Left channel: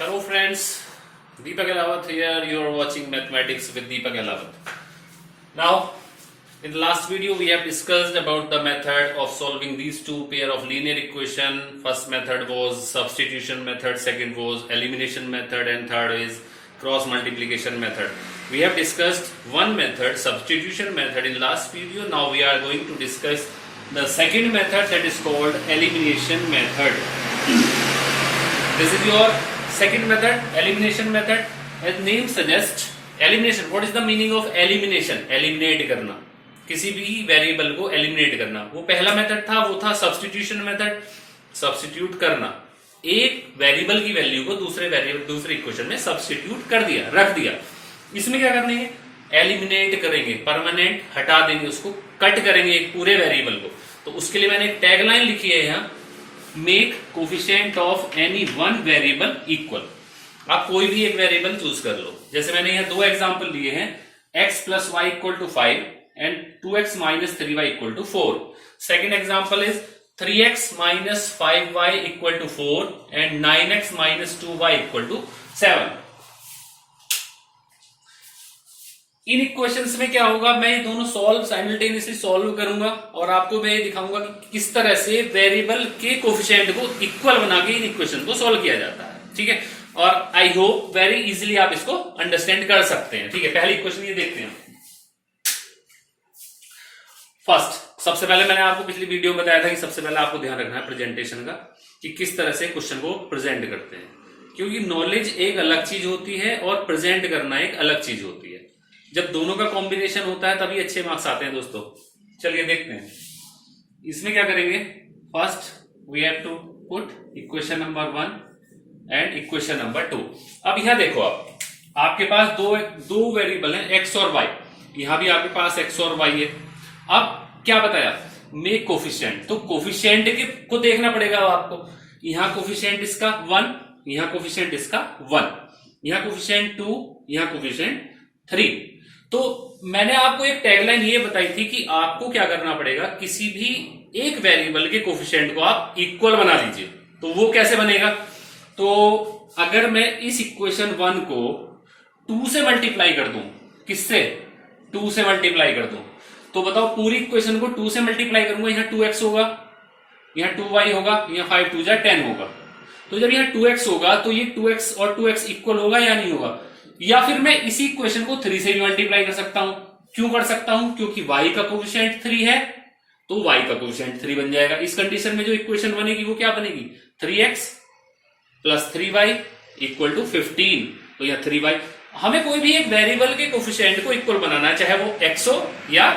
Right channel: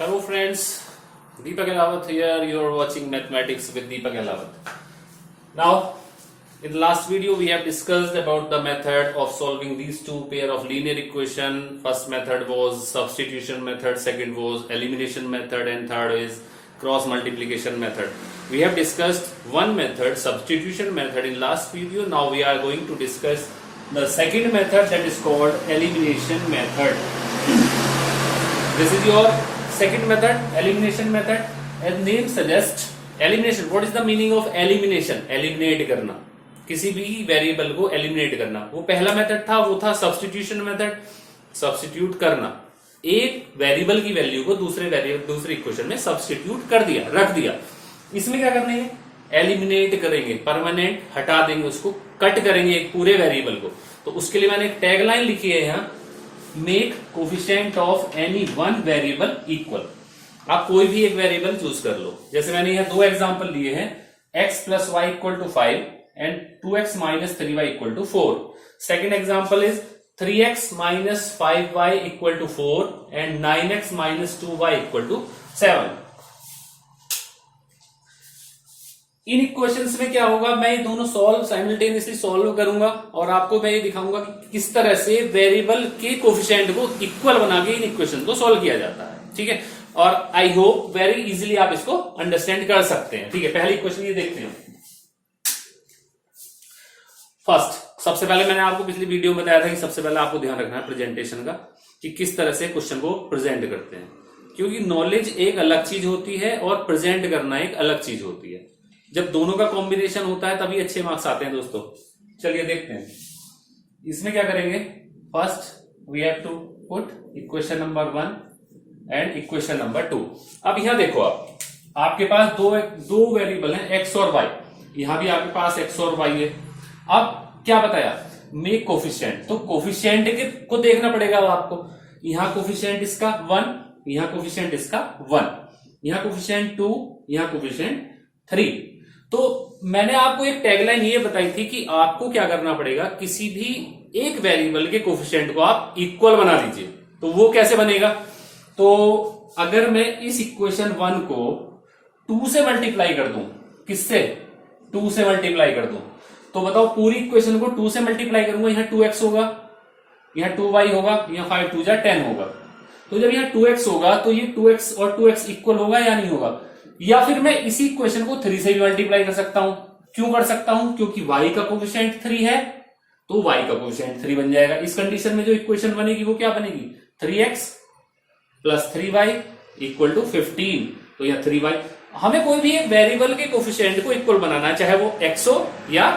Hello friends, Deepak Elawat here. You are watching Mathematics with Deepak Elawat. Now, in the last video we have discussed about the method of solving these two pair of linear equation. First method was substitution method, second was elimination method, and third is cross multiplication method. We have discussed one method, substitution method, in last video. Now we are going to discuss the second method, that is called elimination method. This is your second method, elimination method. As name suggests, elimination. What is the meaning of elimination? Eliminate करना, किसी भी variable को eliminate करना. वो पहला method था, वो था सब्स्टिट्यूशन मेथड. सब्स्टिट्यूट करना, एक वेरिएबल की वैल्यू को दूसरे इक्वेशन में सब्स्टिट्यूट कर दिया, रख दिया. इसमें क्या करना है? एलिमिनेट करेंगे, परमानेंट हटा देंगे, उसको कट करेंगे एक पूरे वेरिएबल को. तो उसके लिए मैंने एक टैगलाइन लिखी है यहाँ, make coefficient of any one variable equal. आप कोई भी एक वेरिएबल चूज कर लो. जैसे मैंने यहाँ दो एग्जांपल लिए हैं, x plus Y equal to 5 and 2x minus 3y equal to 4. Second example is 3x minus 5y equal to 4 and 9x minus 2y equal to 7. इन इक्वेशंस में क्या होगा, मैं ये दोनों साइमल्टेनियसली सॉल्व करूंगा और आपको मैं ये दिखाऊंगा कि किस तरह से वेरिएबल के कोफिशिएंट को इक्वल बना के इन इक्वेशन को सॉल्व किया जाता है. ठीक है, और आई होप वेरी इजीली आप इसको अंडरस्टैंड कर सकते हैं. ठीक है, पहली इक्वेशन ये देखते हैं. फर्स्ट, सबसे पहले मैंने आपको पिछली वीडियो में बताया था कि सबसे पहले आपको ध्यान रखना है प्रेजेंटेशन का, कि किस तरह से क्वेश्चन को प्रेजेंट करते हैं. क्योंकि नॉलेज एक अलग चीज होती है और प्रेजेंट करना एक अलग चीज होती है. जब दोनों का कॉम्बिनेशन होता है तभी अच्छे मार्क्स आते हैं दोस्तों. चलिए देखते हैं. इसमें क्या करेंगे, first we have to put equation number 1 and equation number 2. अब यहां देखो, आपके पास दो वेरिएबल हैं, x और y. यहां भी आपके पास x और y है. अब क्या बताया, मेक कोफिशिएंट. तो कोफिशिएंट को देखना पड़ेगा आपको. यहां कोफिशिएंट इसका 1, यहां कोफिशिएंट इसका 1, यहां कोफिशिएंट 2, यहां कोफिशिएंट 3. तो मैंने आपको एक टैगलाइन ये बताई थी कि आपको क्या करना पड़ेगा, किसी भी एक वेरिएबल के कोफिशिएंट को आप इक्वल बना लीजिए. तो वो कैसे बनेगा, तो अगर मैं इस इक्वेशन 1 को 2 से मल्टीप्लाई कर दूं, किससे, 2 से मल्टीप्लाई कर दूं, तो बताओ पूरी इक्वेशन को 2 से मल्टीप्लाई करूंगा, यहां 2x होगा, यहां 2y होगा, यहां 5 2 10 होगा. तो जब यहां 2x होगा तो ये 2x और 2x इक्वल होगा या नहीं होगा. या फिर मैं इसी इक्वेशन को 3 से भी मल्टीप्लाई कर सकता हूं. क्यों कर सकता हूं, क्योंकि y का कोफिशिएंट 3 है तो y का कोफिशिएंट 3 बन जाएगा. इस कंडीशन में जो इक्वेशन बनेगी वो क्या बनेगी, 3x plus 3y equal to 15. तो यह 3y. हमें कोई भी एक वेरिएबल के कोफिशिएंट को इक्वल बनाना है, चाहे वो x हो या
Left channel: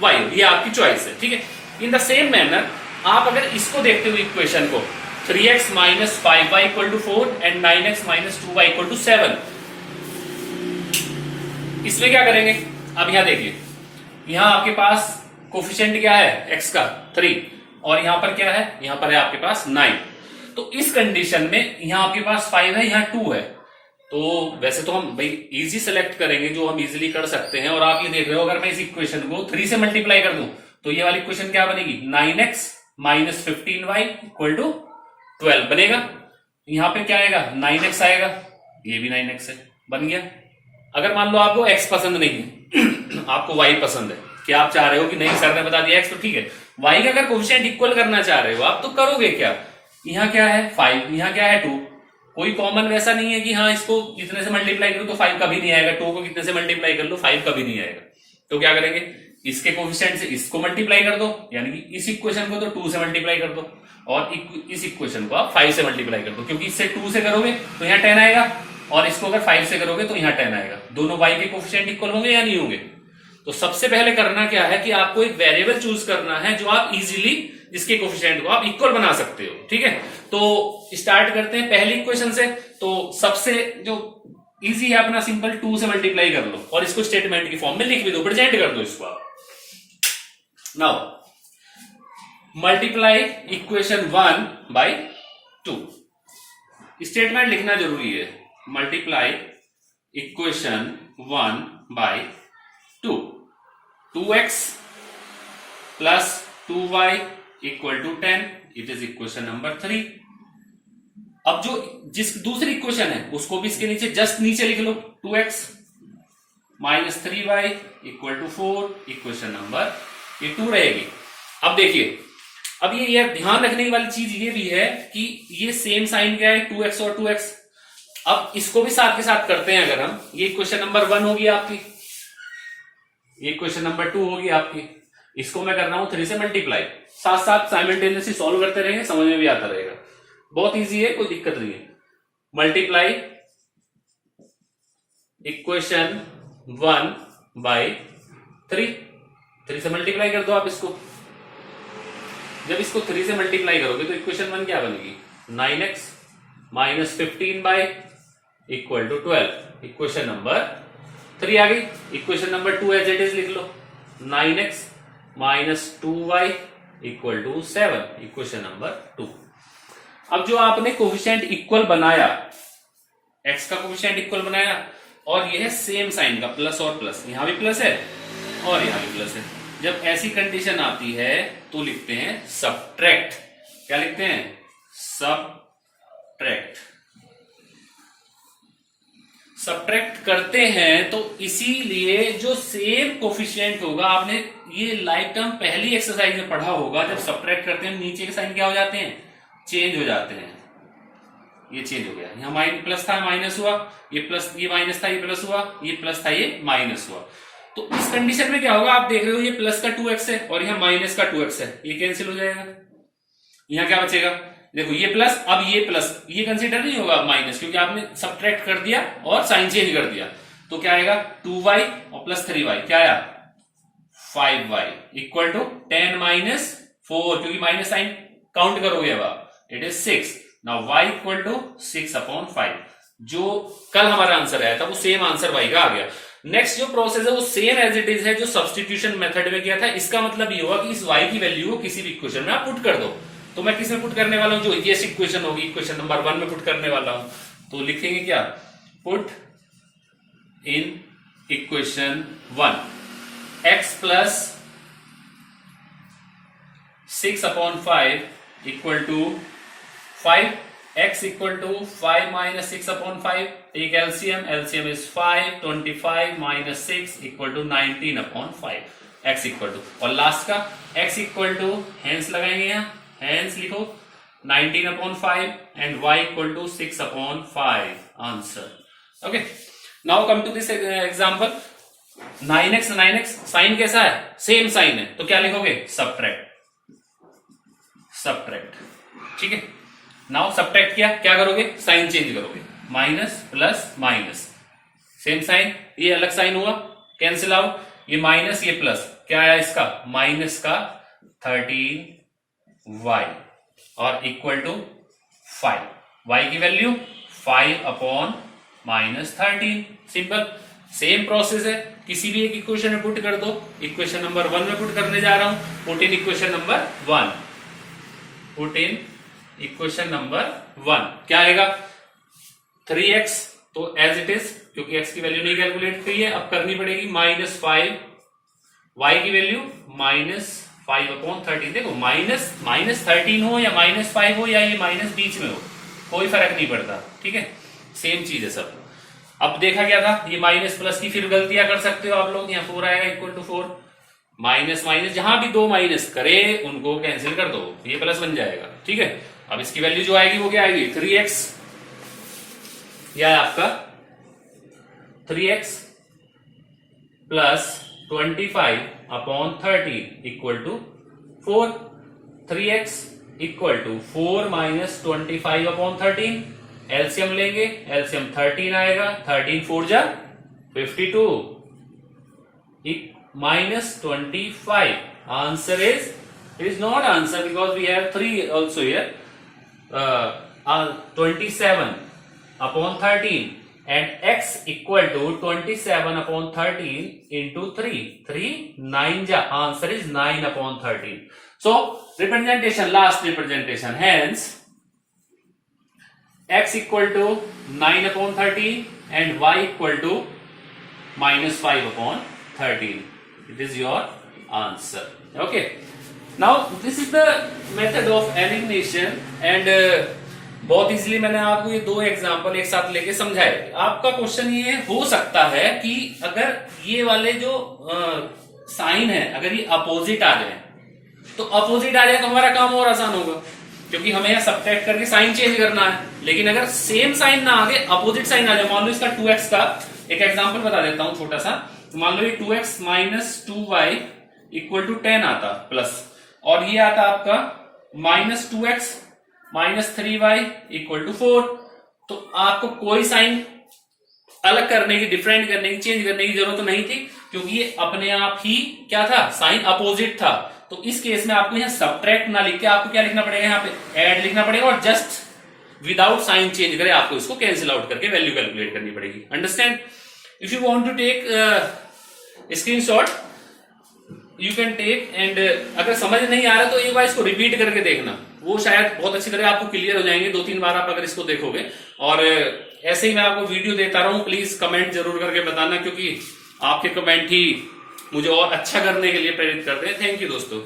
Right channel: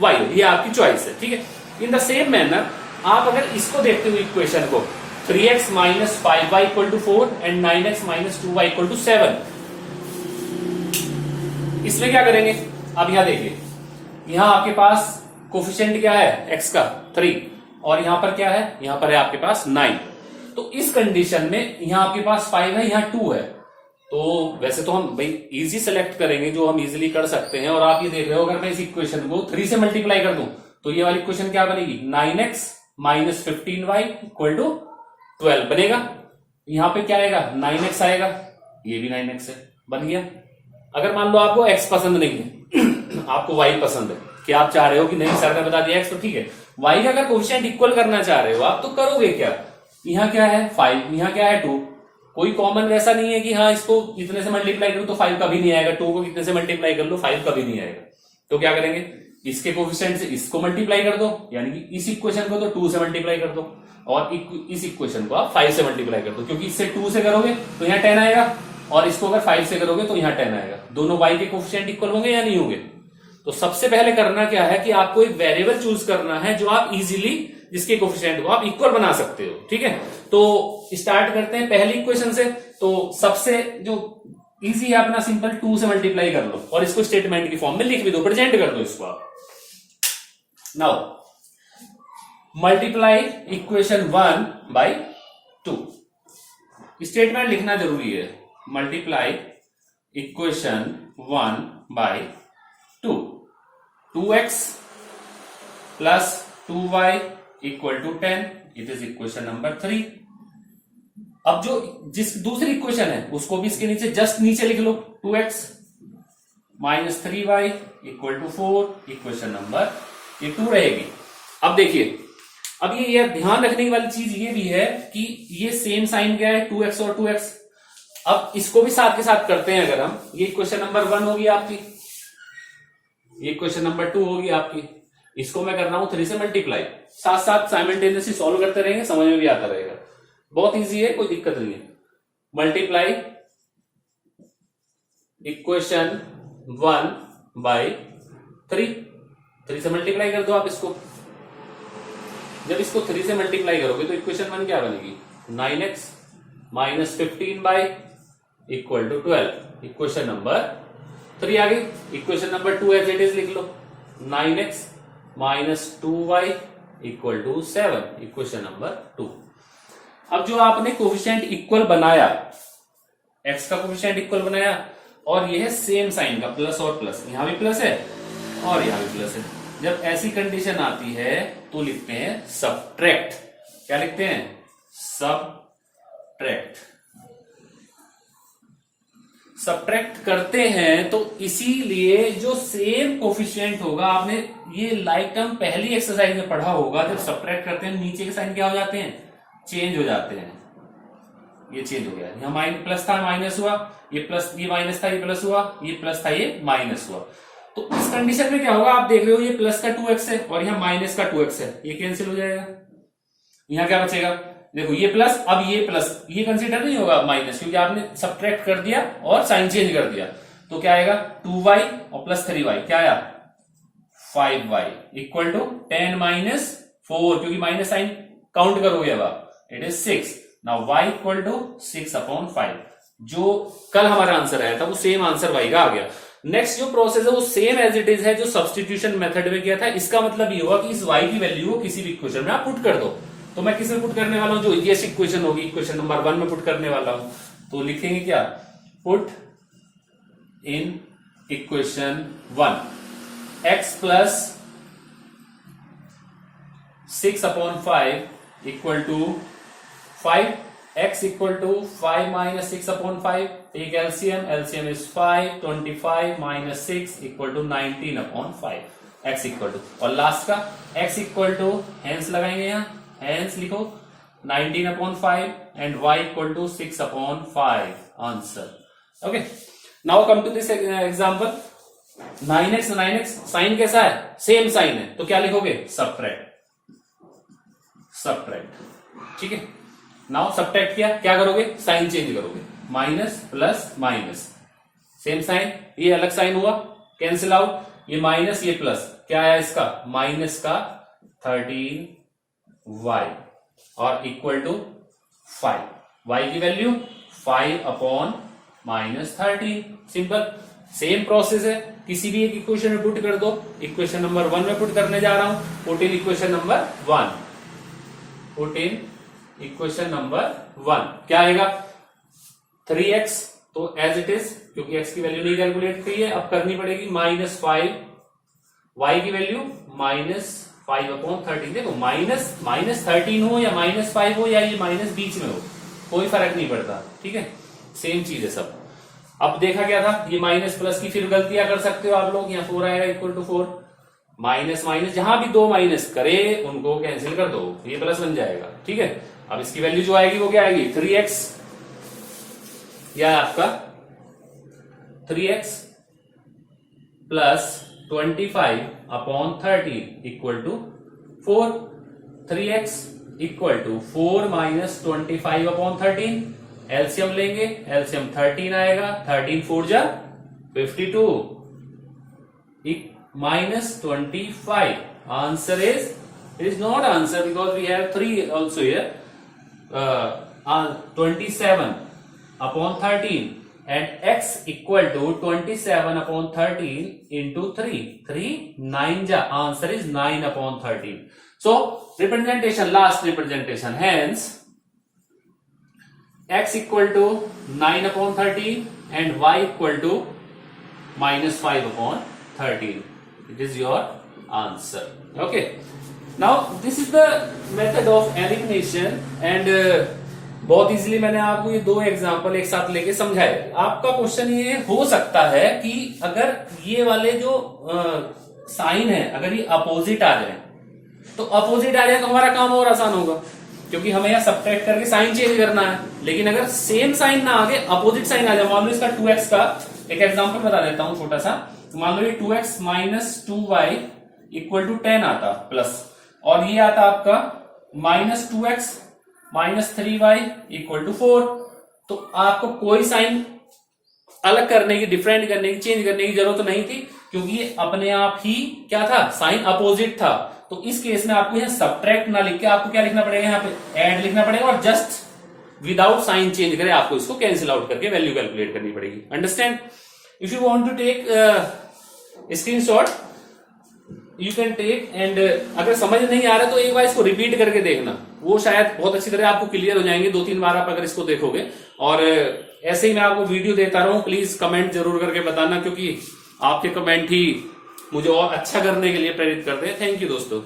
y हो, ये आपकी चॉइस है. ठीक है, इन द सेम मैनर आप अगर इसको देखते हुए इक्वेशन को 3x minus 5y equal to 4 and 9x minus 2y equal to 7, इसमें क्या करेंगे. अब यहां देखिए, यहां आपके पास कोफिशिएंट क्या है, x का 3, और यहां पर क्या है, यहां पर है आपके पास 9. तो इस कंडीशन में यहां आपके पास 5 है, यहां 2 है. तो वैसे तो हम भाई इजी सेलेक्ट करेंगे जो हम इजीली कर सकते हैं. और आप ये देख रहे हो, अगर मैं इस इक्वेशन को 3 से मल्टीप्लाई कर दूं तो ये वाली इक्वेशन क्या बनेगी, 9x minus 15y equal to 12 बनेगा. यहां पे क्या आएगा, 9x आएगा, ये भी 9x है, बन गया. अगर मान लो आपको x पसंद नहीं है आपको y पसंद है, कि आप चाह रहे हो कि नहीं सर ने बता दिया x, तो ठीक है, y का अगर कोफिशिएंट इक्वल करना चाह रहे हो आप, तो करोगे क्या. यहां क्या है 5, यहां क्या है 2. कोई कॉमन वैसा नहीं है कि हाँ इसको इतने से मल्टीप्लाई करो तो 5 कभी नहीं आएगा, 2 को कितने से मल्टीप्लाई कर लो 5 कभी नहीं आएगा. तो क्या करेंगे, इसके कोफिशिएंट से इसको मल्टीप्लाई कर दो, यानी कि इस इक्वेशन को तो 2 से मल्टीप्लाई कर दो और इस इक्वेशन को आप 5 से मल्टीप्लाई कर दो. क्योंकि इससे 2 से करोगे तो यहाँ 10 आएगा, और इसको अगर 5 से करोगे तो यहाँ 10 आएगा. दोनों y के कोफिशिएंट इक्वल होंगे या नहीं होंगे. तो सबसे पहले करना क्या है कि आपको एक वेरिएबल चूज करना है जो आप इजीली, जिसके कोफिशिएंट को आप इक्वल बना सकते हो. ठीक है, तो स्टार्ट करते हैं पहली इक्वेशन से. तो सबसे जो इजी है अपना सिंपल 2 से मल्टीप्लाई कर लो और इसको स्टेटमेंट की फॉर्म में लिख भी दो, प्रेजेंट कर दो इसको आप. Now multiply equation 1 by 2. Statement लिखना जरूरी है, multiply equation 1 by 2. 2x plus 2y equal to 10, it is equation number 3. अब जो जिस दूसरी इक्वेशन है उसको भी इसके नीचे जस्ट नीचे लिख लो, 2x minus 3y equal to 4, equation number ये 2 रहेगी। अब देखिए, अब ये ध्यान रखने वाली चीज ये भी है कि ये सेम साइन क्या है, 2x और 2x। अब इसको भी साथ के साथ करते हैं अगर हम, ये इक्वेशन नंबर 1 होगी आपकी, ये इक्वेशन नंबर 2 होगी आपकी, इसको मैं कर रहा हूं 3 से मल्टीप्लाई, साथ साथ साइमल्टेनियसली सॉल्व करते रहेंगे, समझ में भी आता रहेगा, बहुत इजी है, कोई दिक्कत नहीं है। मल्टीप्लाई इक्वेशन 1 बाई 3 से मल्टीप्लाई कर दो आप इसको। जब इसको 3 से मल्टीप्लाई करोगे तो इक्वेशन 1 क्या बनेगी, 9x minus 15 by equal to 12, equation number 3 आ गई। Equation number 2 as it is लिख लो, 9x minus 2y equal to 7, equation number 2। अब जो आपने कोफिशिएंट इक्वल बनाया, x का कोफिशिएंट इक्वल बनाया, और यह है सेम साइन का, प्लस और प्लस, यहां भी प्लस है और यहां भी प्लस है। जब ऐसी कंडीशन आती है तो लिखते हैं सबट्रैक्ट। क्या लिखते हैं, सबट्रैक्ट। सबट्रैक्ट करते हैं तो इसीलिए जो सेम कोफिशिएंट होगा, आपने ये लाइक टर्म पहली एक्सरसाइज में पढ़ा होगा, जब सबट्रैक्ट करते हैं नीचे के साइन क्या हो जाते हैं, चेंज हो जाते हैं। ये चेंज हो गया, यहां माइनस प्लस था माइनस हुआ, ये प्लस, ये माइनस था ये प्लस हुआ, ये प्लस था ये माइनस हुआ। तो इस कंडीशन में क्या होगा, आप देख रहे हो ये प्लस का 2x है और यहां माइनस का 2x है, ये कैंसिल हो जाएगा, यहां क्या बचेगा, देखो ये प्लस, अब ये प्लस, ये कंसीडर नहीं होगा माइनस, क्योंकि आपने सबट्रैक्ट कर दिया और साइन चेंज कर दिया। तो क्या आएगा, 2y और प्लस 3y, क्या आया 5y इक्वल टू 10 माइनस 4, क्योंकि माइनस साइन काउंट करोगे अब आप, it is 6। Now y equal to 6/5। जो कल हमारा आंसर आया था वो सेम आंसर y का आ गया। नेक्स्ट जो प्रोसेस है वो सेम एज इट इज है जो सब्स्टिट्यूशन मेथड में किया था। इसका मतलब ये हुआ कि इस y की वैल्यू को किसी भी इक्वेशन में आप पुट कर दो। तो मैं किस में पुट करने वाला हूं, जो इजीएस्ट इक्वेशन होगी, इक्वेशन नंबर 1 में पुट करने वाला हूं। तो लिखेंगे क्या, put in equation 1 x plus 6/5 equal to 5, x equal to 5 minus 6/5, एक LCM, LCM is 5, 25 minus 6 equal to 19/5, x equal to, और लास्ट का x इक्वल टू, हैंस लगाएंगे यहाँ, हैंस लिखो 19/5 and y equal to 6/5, answer. Okay, now come to this example. 9x sign कैसा है, same sign है, तो क्या लिखोगे, सबट्रैक्ट, सबट्रैक्ट। ठीक है, नाउ सबट्रैक्ट किया, क्या करोगे, साइन चेंज करोगे, minus plus minus, same sign, ये अलग साइन हुआ, कैंसिल आउट, ये माइनस ये प्लस, क्या आया इसका, माइनस का 13y और इक्वल टू 5, y की वैल्यू 5/-13, सिंपल। सेम प्रोसेस है, किसी भी एक इक्वेशन में पुट कर दो। इक्वेशन नंबर 1 में पुट करने जा रहा हूं, put in equation number 1, put in equation number 1, क्या आएगा, 3x, तो एज इट इज, क्योंकि x की वैल्यू नहीं कैलकुलेट की है, अब करनी पड़ेगी -5, y की वैल्यू -5/13। देखो माइनस 13 हो या -5 हो या ये माइनस बीच में हो, कोई फर्क नहीं पड़ता, ठीक है, सेम चीज है सब। अब देखा गया था, ये माइनस प्लस की फिर गलतियां कर सकते हो आप लोग, यहाँ 4 आएगा इक्वल टू 4, माइनस माइनस जहां भी 2 माइनस करे उनको कैंसिल कर दो, ये प्लस बन जाएगा। ठीक है, अब इसकी वैल्यू जो आएगी वो क्या आएगी, 3x, यह है आपका 3x plus 25/13 equal to 4, 3x equal to 4 minus 25/13, LCM लेंगे, एलसीएम 13 आएगा, 13 4 जा 52 minus 25. Answer is, it is not answer because we have 3 also here. 27/13 and x equal to 27/13 into 3. 3 9 ja, answer is 9/13. So representation, last representation, hence x equal to 9/13 and y equal to minus 5/13. It is your answer. Okay, now this is the method of elimination, and बहुत easily मैंने आपको ये 2 example एक साथ लेके समझाए। आपका question ये हो सकता है कि अगर ये वाले जो साइन है अगर ये अपोजिट आ जाए, तो अपोजिट आ जाए तो हमारा काम और आसान होगा, क्योंकि हमें यहाँ सब्ट्रैक्ट करके साइन चेंज करना है। लेकिन अगर सेम साइन ना आगे अपोजिट साइन आ जाए, मान लो इसका 2x का एक एग्जांपल बता देता हूं छोटा सा। मान लो ये 2x minus 2y equal to 10 आता प्लस, और ये आता आपका minus 2x minus 3y equal to 4। तो आपको कोई साइन अलग करने की, डिफरेंट करने की, चेंज करने की जरूरत नहीं थी, क्योंकि ये अपने आप ही क्या था, साइन अपोजिट था। तो इस केस में आपको यहाँ सब्ट्रैक्ट ना लिख के आपको क्या लिखना पड़ेगा, यहाँ पे ऐड लिखना पड़ेगा, और जस्ट विदाउट साइन चेंज करे आपको इसको कैंसिल आउट करके वैल्यू कैलकुलेट करनी पड़ेगी। Understand? If you want to take screenshot you can take, and अगर समझ नहीं आ रहा तो एक बार इसको रिपीट करके देखना, वो शायद बहुत अच्छी तरह आपको क्लियर हो जाएंगे 2-3 बार आप अगर इसको देखोगे। और ऐसे ही मैं आपको वीडियो देता रहूं, प्लीज कमेंट जरूर करके बताना, क्योंकि आपके कमेंट ही मुझे और अच्छा करने के लिए प्रेरित करते हैं। थैंक यू दोस्तों।